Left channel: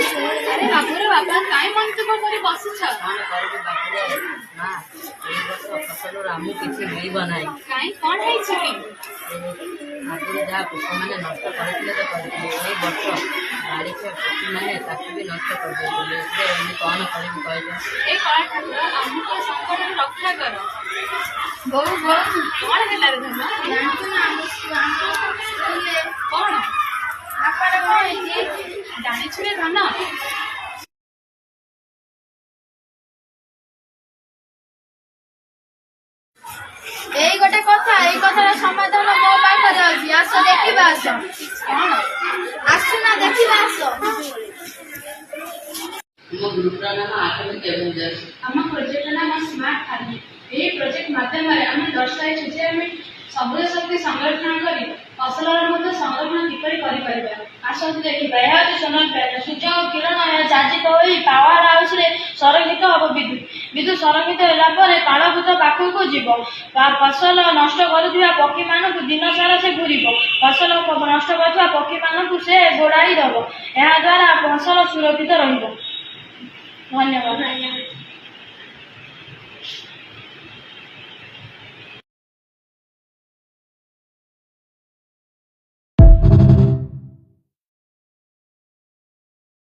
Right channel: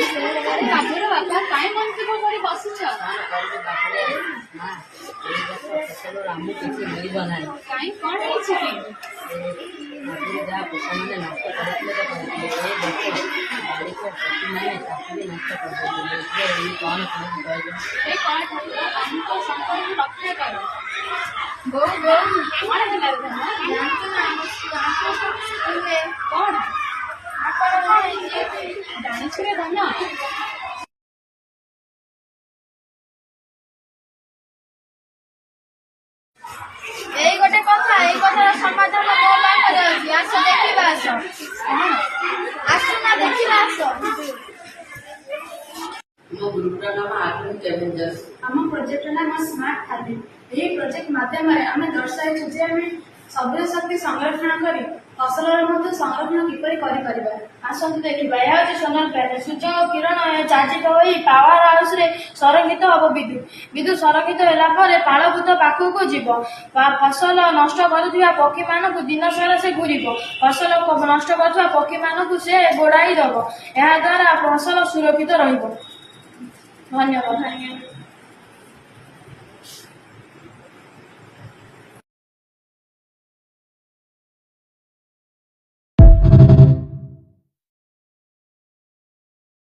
ବାବୁର ବାପା କାହିଁ ମନ ଦୁଃଖ କରି ବସିଛ? କଣ କରିବି ବାପୁରେ ମା, ଏଇ ବର୍ଷ ଫସଲରୁ ଆମକୁ କିଛି ମିଳିବ ନାହିଁ। କାହିଁ କଣ ହେଇଛି କି? ଆଗରୁ ଯାହା ପୋକମାନେ ନଷ୍ଟ କରିଥିଲେ ତ କରିଥିଲେ, ଏଇ ବର୍ଷ ବାଡ଼ିଖିଆ ପକ୍ଷୀମାନେ ତାକୁ ବି ନଷ୍ଟ କରିଦେଇଥିଲେ। ଏଥିରେ ମୁଁ କଣ କରିବି କହିଲେ? ଏ କଣ ଠାକୁର ଆମକୁ ସଂକଟରୁ ରକ୍ଷା କର। ବୋଉ ବୋଉ କଣ ହେଲା ରେ ଧନ? କଣ ଜାଣିଛୁ ରେ ଧନ? ଏଇ ଗୋଟେ କଥା, ଏଇ କଥାର ସମାଧାନ ମୋ ପାଖରେ ଅଛି। ଆସ ଦେଖିବା, ଆସ। କଣ? ଆସୁନା ଦେଖିବା, ଆସ। ମୋ ଗ୍ରୁପର ନାମ ଆଠମୀ କେଭିଞ୍ଜର। ଆମ ପ୍ରୋଜେକ୍ଟର ନାମ ସ୍ମାର୍ଟ ଫାର୍ମିଂ। ଏହି ପ୍ରୋଜେକ୍ଟ ମାଧ୍ୟମରେ ଆମେ ଦର୍ଶାଇଛୁ ଯେ ଆମେ ସବୁଜ ଶକ୍ତି ସଂରକ୍ଷଣ କରି ଫସଲର ମଧ୍ୟ ସଂରକ୍ଷଣ କିପରି କରିପାରିବା। ଆସନ୍ତୁ ଦେଖିବା। ଏହା ହେଉଛି ସୋଲାର ପ୍ୟାନେଲ। ସୂର୍ଯ୍ୟଙ୍କ କିରଣ ଏହା ଚାର୍ଜିତ ହୋଇ ପାୱାର ହାଉସରେ ସଂରକ୍ଷିତ ହେବ ବିଦ୍ୟୁତ। ବିଦ୍ୟୁତ ସଂରକ୍ଷିତ ହେଲା ପରେ ପାଳଭୂତ ପାଖକୁ ଯିବ। ଫସଲ ନଷ୍ଟ କରୁଥିବା ପକ୍ଷୀମାନଙ୍କୁ ଦିନ ସାରା ସେ ଘୂରିବ। ଫସଲ ନଷ୍ଟ କରୁଥିବା ପକ୍ଷୀମାନଙ୍କୁ ସେ ଗୋଡ଼ାଇ ଦେବ। ଏହାଦ୍ୱାରା ଫସଲ ସୁରକ୍ଷିତ ରହିବ। ଧନ୍ୟବାଦ।